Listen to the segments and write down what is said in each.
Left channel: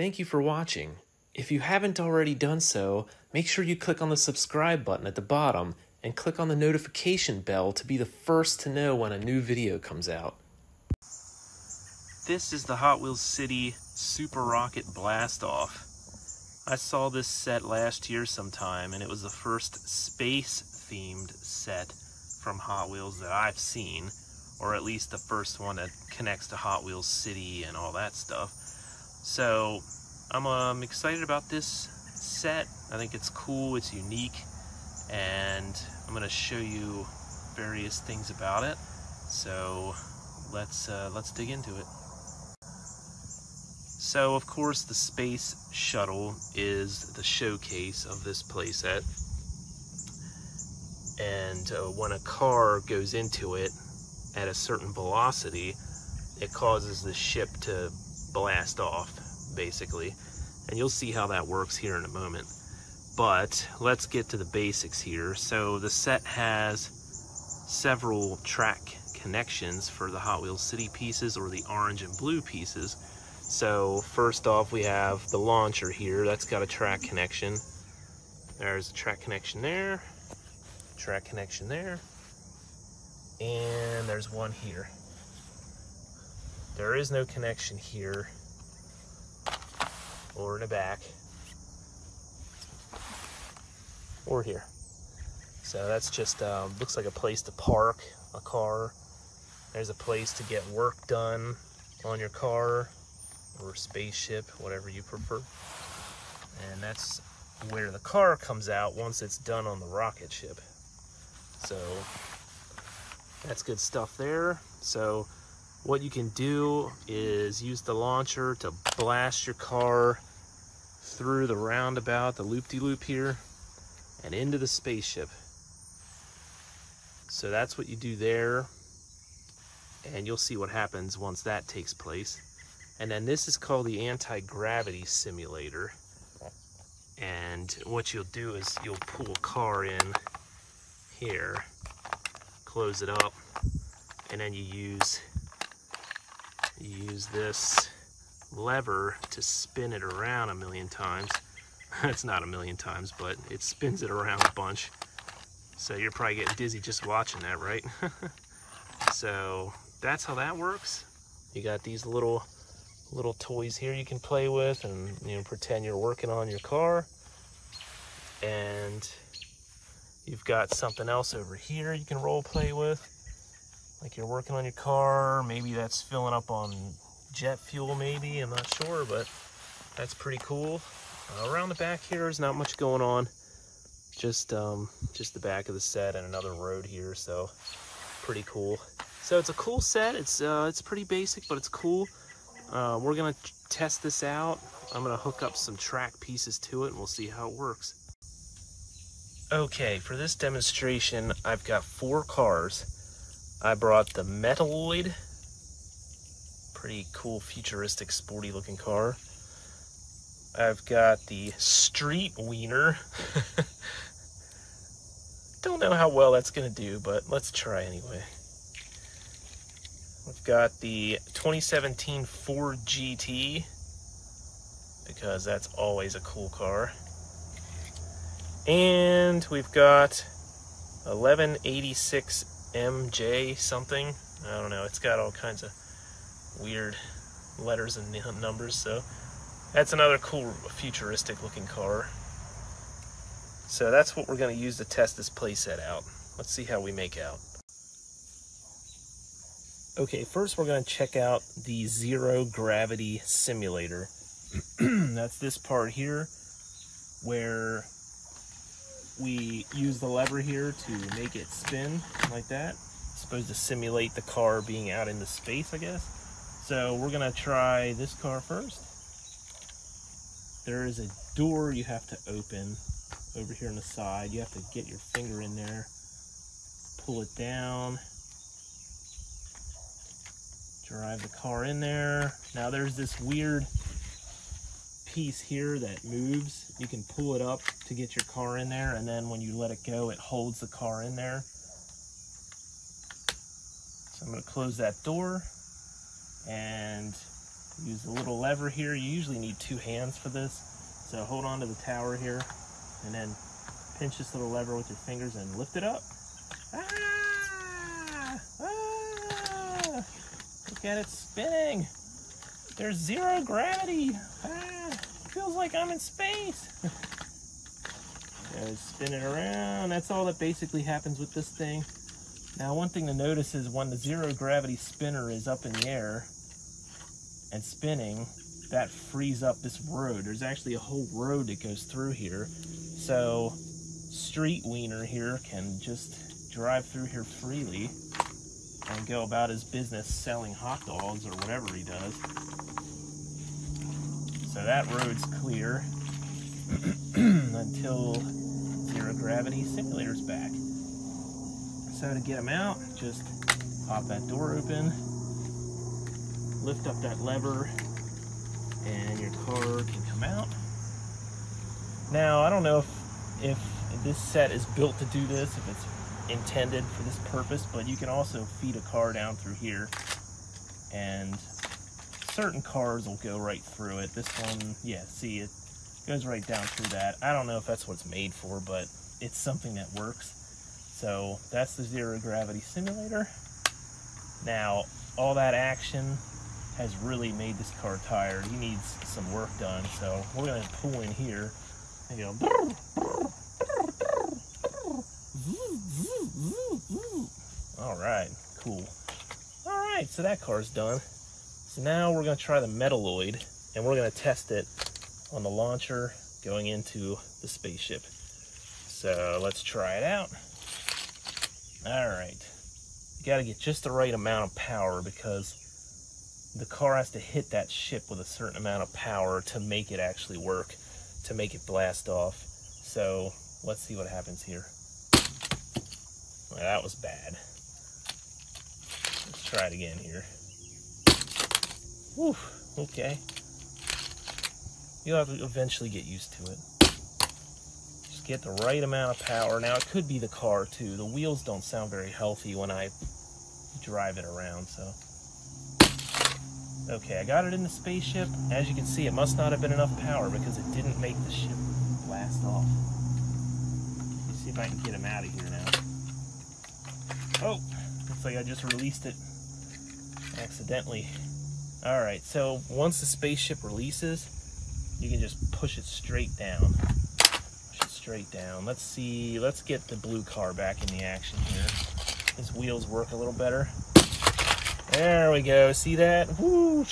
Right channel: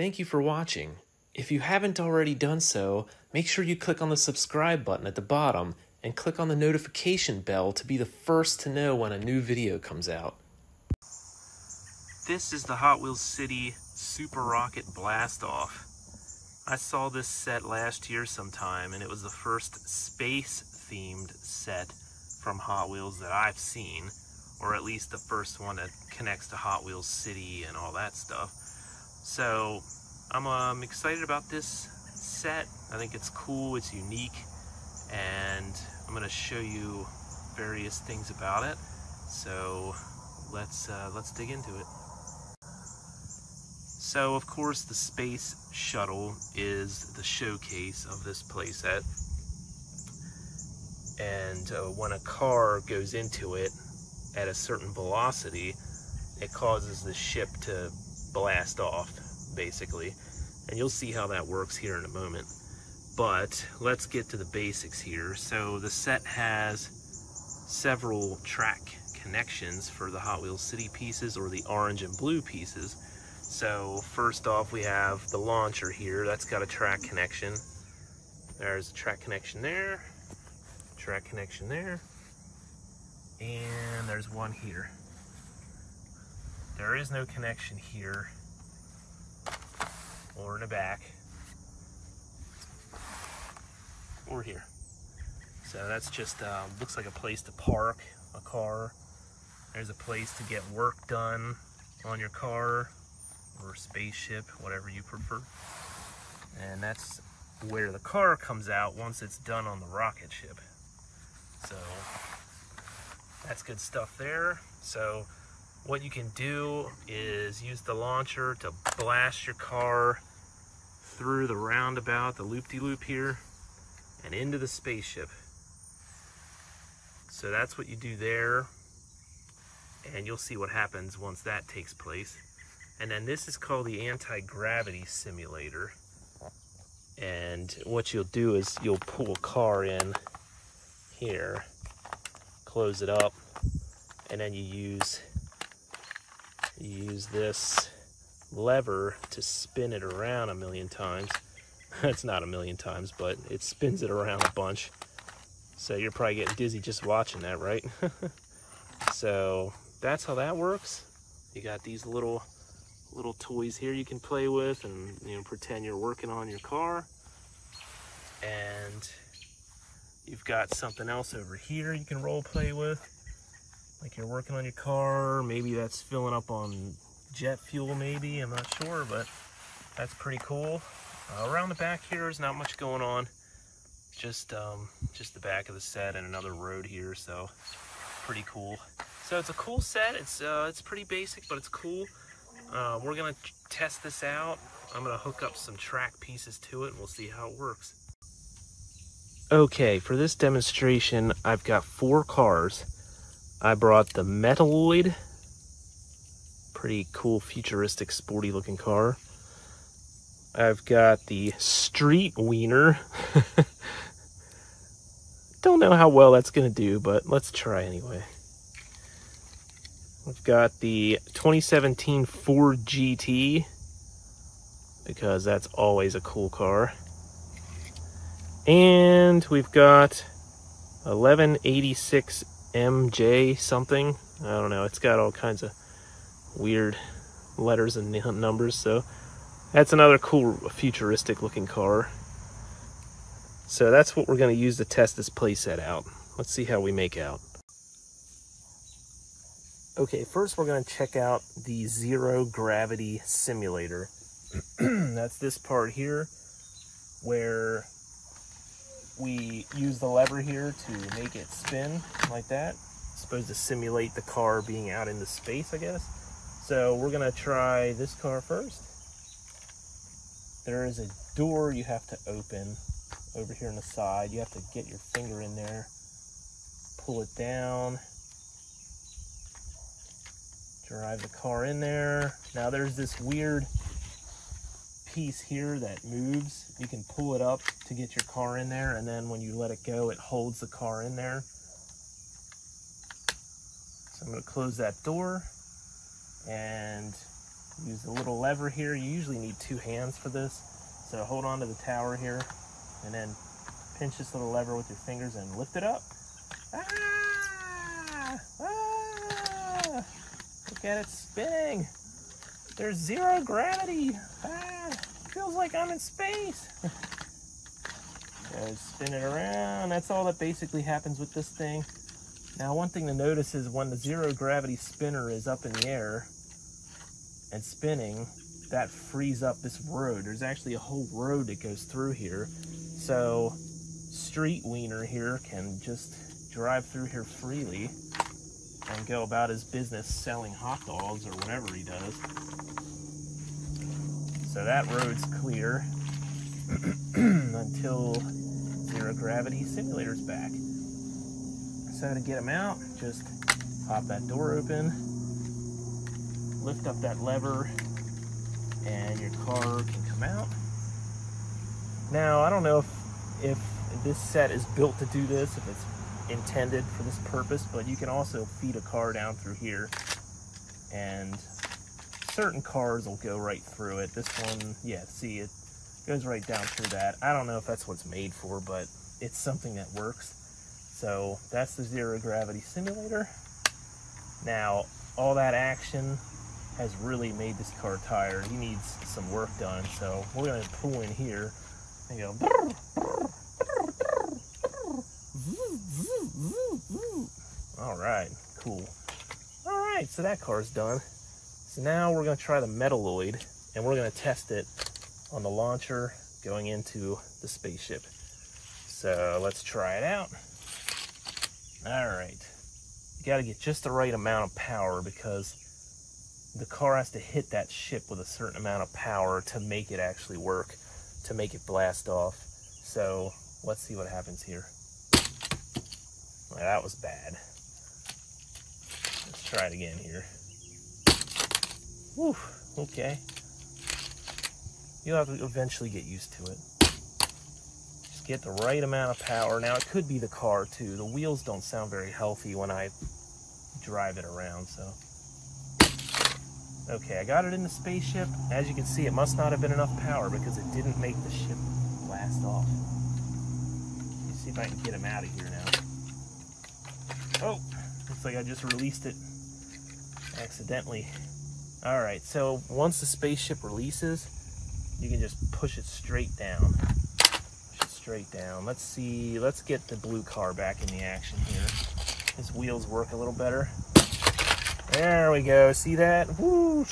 Thank you for watching. If you haven't already done so, make sure you click on the subscribe button at the bottom and click on the notification bell to be the first to know when a new video comes out. This is the Hot Wheels City Super Rocket Blast-Off. I saw this set last year sometime, and it was the first space-themed set from Hot Wheels that I've seen, or at least the first one that connects to Hot Wheels City and all that stuff. So I'm excited about this set. I think it's cool, it's unique, and I'm going to show you various things about it. So let's dig into it. So of course the space shuttle is the showcase of this playset, and when a car goes into it at a certain velocity, it causes the ship to blast off, basically, and you'll see how that works here in a moment. But let's get to the basics here. So the set has several track connections for the Hot Wheels City pieces, or the orange and blue pieces. So first off, we have the launcher here. That's got a track connection. There's a track connection there, track connection there, and there's one here. There is no connection here or in the back or here. So that's just looks like a place to park a car. There's a place to get work done on your car or spaceship, whatever you prefer. And that's where the car comes out once it's done on the rocket ship. So that's good stuff there. So what you can do is use the launcher to blast your car through the roundabout, the loop-de-loop here, and into the spaceship. So that's what you do there, and you'll see what happens once that takes place. And then this is called the anti-gravity simulator. And what you'll do is you'll pull a car in here, close it up, and then you use this lever to spin it around a million times. It's not a million times, but it spins it around a bunch. So you're probably getting dizzy just watching that, right? So that's how that works. You got these little toys here you can play with, and you know, pretend you're working on your car. And you've got something else over here you can role play with, like you're working on your car. Maybe that's filling up on jet fuel, maybe, I'm not sure, but that's pretty cool. Around the back here is not much going on, just the back of the set and another road here, so pretty cool. So it's a cool set. It's pretty basic, but it's cool. We're gonna test this out. I'm gonna hook up some track pieces to it and we'll see how it works. Okay, for this demonstration, I've got 4 cars. I brought the Metaloid, pretty cool, futuristic, sporty looking car. I've got the Street Wiener. Don't know how well that's gonna do, but let's try anyway. We've got the 2017 Ford GT, because that's always a cool car. And we've got 1186 MJ something. I don't know, it's got all kinds of weird letters and numbers, so that's another cool futuristic looking car. So that's what we're going to use to test this playset out. Let's see how we make out. Okay, first we're going to check out the zero gravity simulator. That's this part here, where we use the lever here to make it spin like that. It's supposed to simulate the car being out into space, I guess. So we're going to try this car first. There is a door you have to open over here on the side. You have to get your finger in there, pull it down, drive the car in there. Now there's this weird piece here that moves. You can pull it up to get your car in there, and then when you let it go, it holds the car in there. So I'm going to close that door, and Use the little lever here. You usually need 2 hands for this. So hold on to the tower here and then pinch this little lever with your fingers and lift it up. Ah! Ah! Look at it spinning. There's 0 gravity. Ah! Feels like I'm in space. Spin it around. That's all that basically happens with this thing. Now, one thing to notice is when the 0 gravity spinner is up in the air and spinning, that frees up this road. There's actually a whole road that goes through here. So Street Wiener here can just drive through here freely and go about his business selling hot dogs or whatever he does. So that road's clear until 0 gravity simulator's back. So to get him out, just pop that door open, lift up that lever, and your car can come out. Now, I don't know if this set is built to do this, if it's intended for this purpose, but you can also feed a car down through here, and certain cars will go right through it. This one, yeah, see, it goes right down through that. I don't know if that's what it's made for, but it's something that works. So that's the 0 gravity simulator. Now, all that action has really made this car tired. He needs some work done, so we're gonna pull in here and go. All right, cool. All right, so that car's done. So now we're gonna try the Metalloid, and we're gonna test it on the launcher going into the spaceship. So let's try it out. All right, you gotta get just the right amount of power because the car has to hit that ship with a certain amount of power to make it actually work, to make it blast off. So let's see what happens here. Well, that was bad. Let's try it again here. Whew, okay. You'll have to eventually get used to it. Just get the right amount of power. Now, it could be the car, too. The wheels don't sound very healthy when I drive it around, so. Okay, I got it in the spaceship. As you can see, it must not have been enough power because it didn't make the ship blast off. Let me see if I can get him out of here now. Oh, looks like I just released it accidentally. All right, so once the spaceship releases, you can just push it straight down. Push it straight down. Let's see, let's get the blue car back in the action here. His wheels work a little better. There we go, see that? Woo!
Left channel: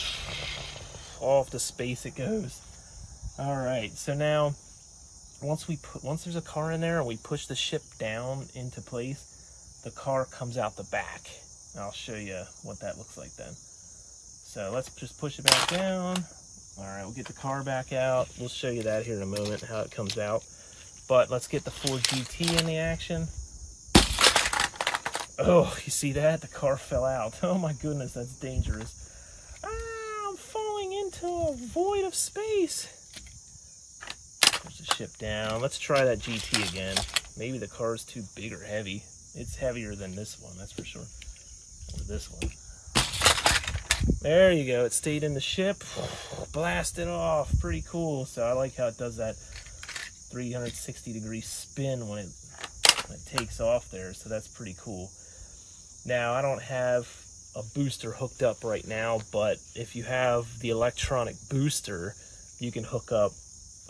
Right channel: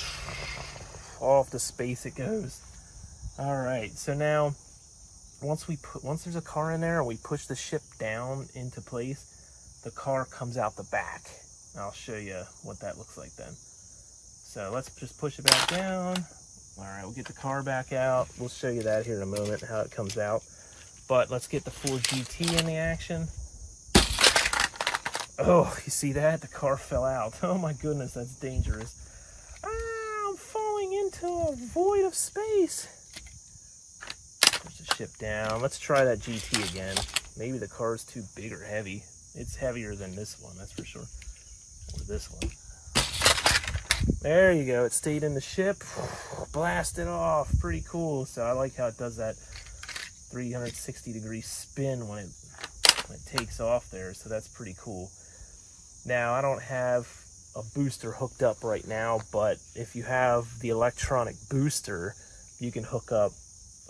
Off to space it goes. All right, so now, once there's a car in there and we push the ship down into place, the car comes out the back. I'll show you what that looks like then. So let's just push it back down. All right, we'll get the car back out. We'll show you that here in a moment, how it comes out. But let's get the Ford GT in the action. Oh, you see that? The car fell out. Oh my goodness, that's dangerous. Ah, I'm falling into a void of space. Push the ship down. Let's try that GT again. Maybe the car is too big or heavy. It's heavier than this one, that's for sure. Or this one. There you go, it stayed in the ship. Blasted off, pretty cool. So I like how it does that 360-degree spin when it takes off there, so that's pretty cool. Now, I don't have a booster hooked up right now, but if you have the electronic booster, you can hook up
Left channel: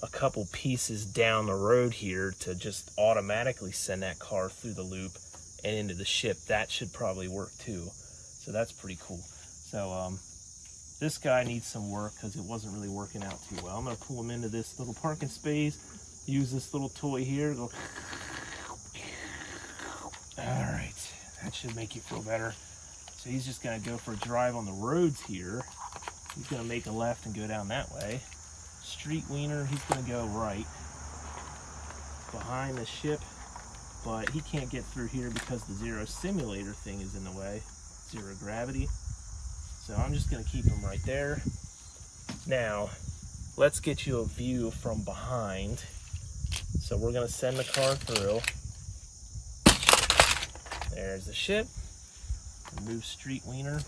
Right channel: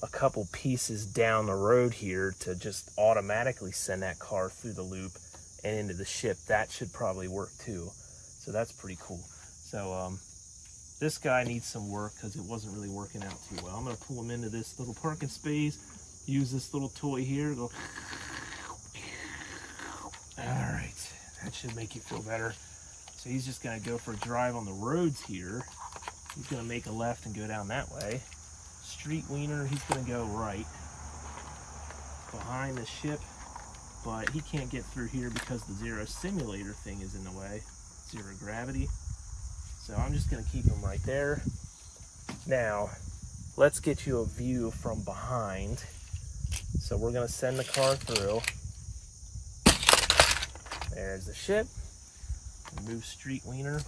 a couple pieces down the road here to just automatically send that car through the loop and into the ship. That should probably work too. So that's pretty cool. So this guy needs some work because it wasn't really working out too well. I'm going to pull him into this little parking space, use this little toy here, go. All right, that should make you feel better. So he's just going to go for a drive on the roads here. He's going to make a left and go down that way. Street Wiener, he's going to go right behind the ship, but he can't get through here because the zero simulator thing is in the way. 0 gravity. So I'm just going to keep him right there. Now, let's get you a view from behind. So we're going to send the car through. There's the ship. Move Street Wiener.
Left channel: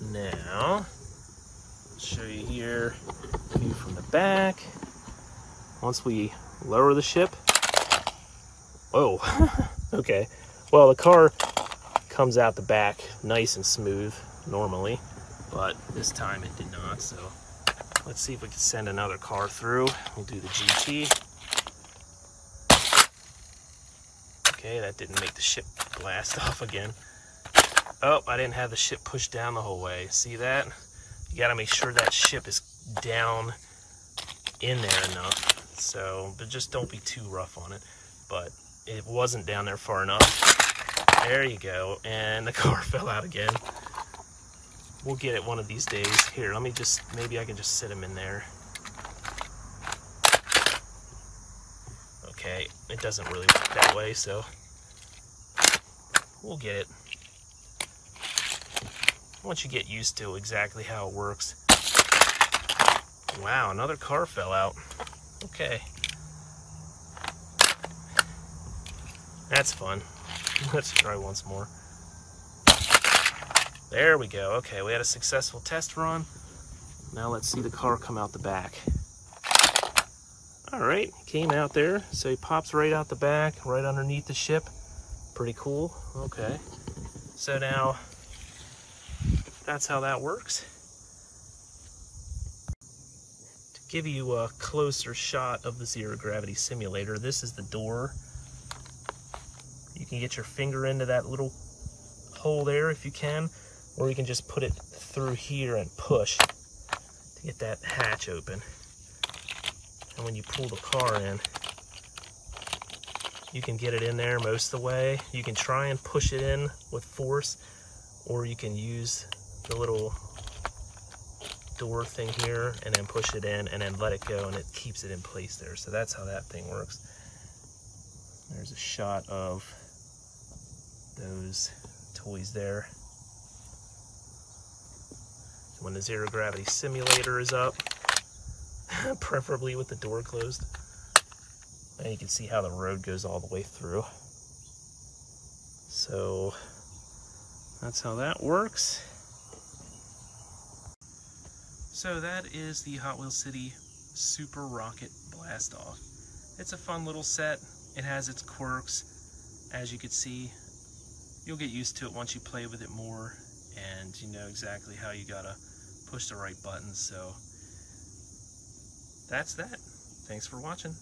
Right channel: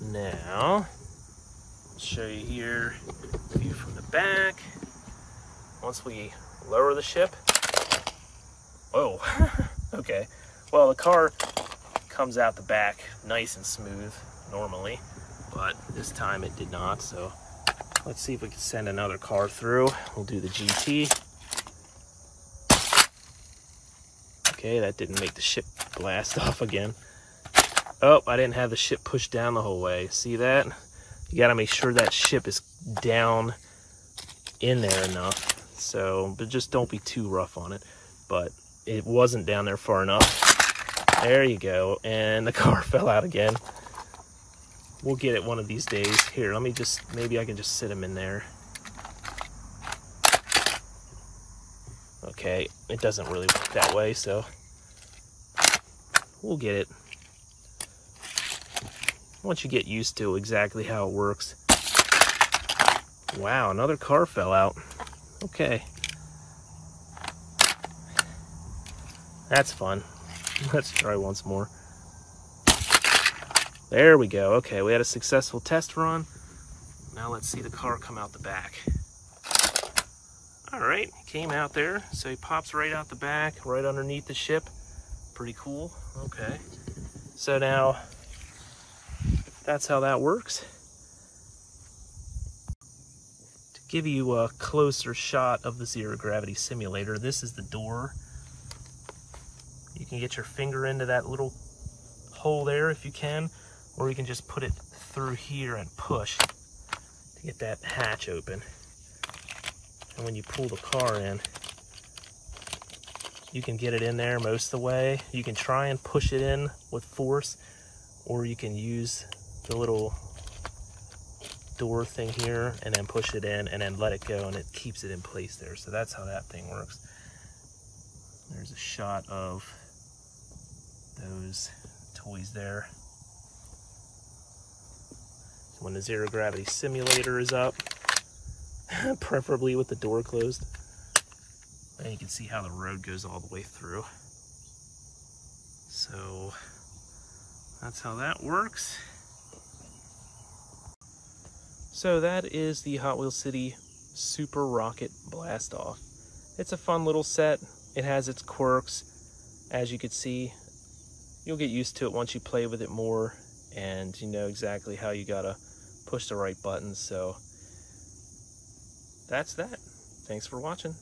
Now, Show you here from the back. Once we lower the ship. Oh, okay. Well, the car comes out the back nice and smooth normally, but this time it did not. So let's see if we can send another car through. We'll do the GT. Okay, that didn't make the ship blast off again. Oh, I didn't have the ship pushed down the whole way. See that? You gotta make sure that ship is down in there enough. So, but just don't be too rough on it. But it wasn't down there far enough. There you go. And the car fell out again. We'll get it one of these days. Here, let me just, maybe I can just sit him in there. Okay, it doesn't really work that way, so we'll get it. Once you get used to exactly how it works. Wow, another car fell out. Okay. That's fun. Let's try once more. There we go. Okay, we had a successful test run. Now let's see the car come out the back. All right, came out there. So he pops right out the back, right underneath the ship. Pretty cool. Okay. So now, that's how that works. To give you a closer shot of the zero gravity simulator, this is the door. You can get your finger into that little hole there if you can, or you can just put it through here and push to get that hatch open. And when you pull the car in, you can get it in there most of the way. You can try and push it in with force, or you can use the little door thing here and then push it in and then let it go, and it keeps it in place there. So that's how that thing works. There's a shot of those toys there. When the zero gravity simulator is up, preferably with the door closed, and you can see how the road goes all the way through. So that's how that works. So that is the Hot Wheels City Super Rocket Blast Off. It's a fun little set. It has its quirks. As you can see, you'll get used to it once you play with it more, and you know exactly how you gotta push the right buttons. So that's that. Thanks for watching.